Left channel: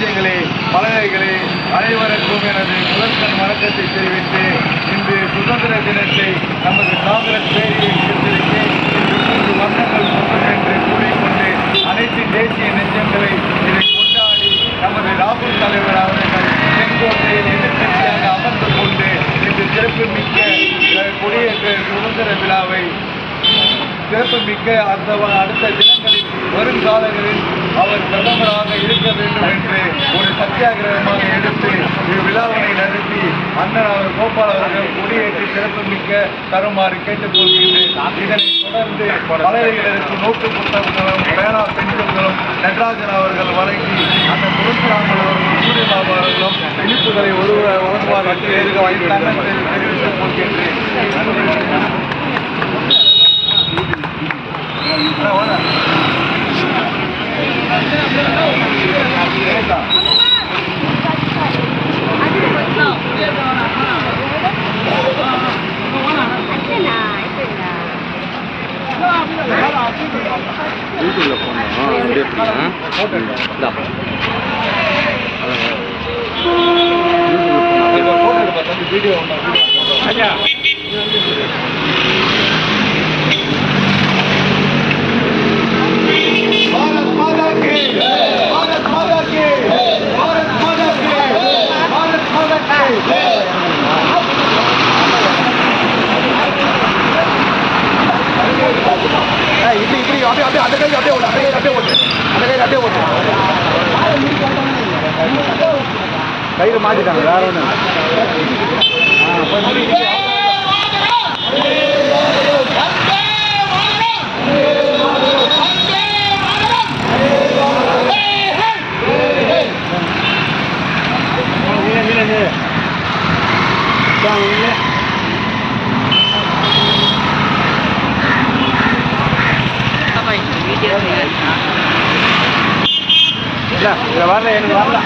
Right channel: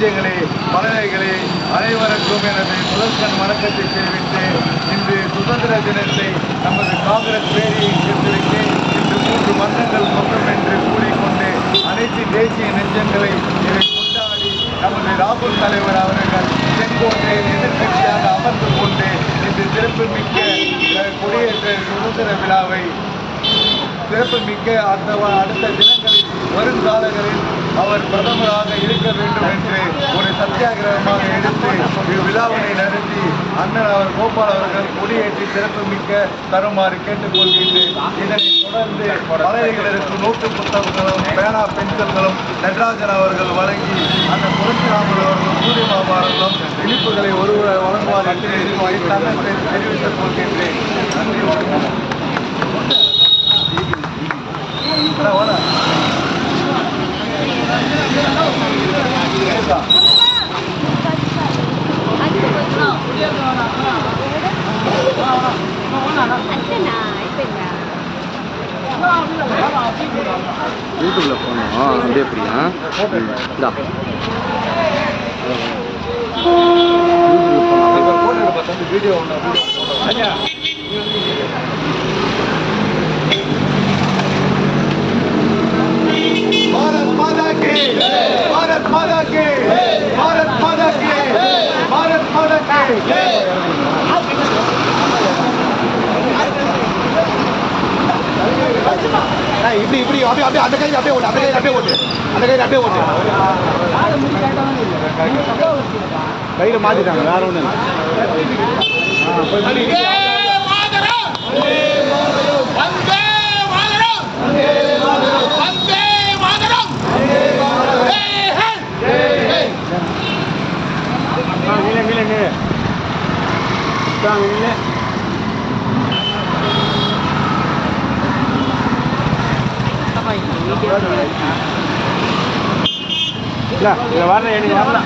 நெஞ்சங்களே, மலரைகளே, அனைவருக்கும் எனது முதற்கண் வணக்கத்தை தெரிவித்து இன்று சுதந்திர தினத்தை நமது காங்கிரஸ் பேரியக்கத்திற்கு இன்று 3 வண்ணங்கள் சொந்தம் என்று கூறிக்கொண்டு அனைத்து தேசிய நெஞ்சங்களை இதை கொண்டாடி நமது ராகுல் தலைவர் அவர்கள் செங்கோட்டையில் எதிர்கட்சியாக அமர்ந்து கொண்டு இன்று சிறப்புமிக்க கொடியேற்ற சுதந்திர விழாவை சிறப்புமிக்க அடுத்த தினங்களில் வருங்காலங்களில் அவர் பிரதமராக இருக்க வேண்டும் என்று ஒரு சத்தியாகிரகமாக எடுத்து விழாவினை நடத்தி அண்ணன் அவர் கோபால் அவர்கள் கொடியேற்றி சிறப்புமிக்க தருமாறு கேட்டுக்கொள்கின்றேன். இதனைத் தொடர்ந்து மலையர்களுக்கு நோட்டு புத்தகங்களும் பேனா பென்சில்களும் நடராஜன் அவர்கள் வழங்கி அண்ணன் துளசிராமன் அவர்களும் சூரியபாபு அவர்களும் இனிப்புகளை வழங்குவார் என்று தெரிவித்துக் கொள்கின்றேன். நன்றி. வீடியோ भारत माता की भारत माता की भारत माता की भारत माता की இப்படி இப்படி அப்படியே அப்படியே அந்த கையில் அப்படியே ஓட்டு அந்த கையில் அப்படியே ஓட்டு கையில் மாற்றிட்டாங்க வேற ஒன்றும் வரல எனக்கு வரல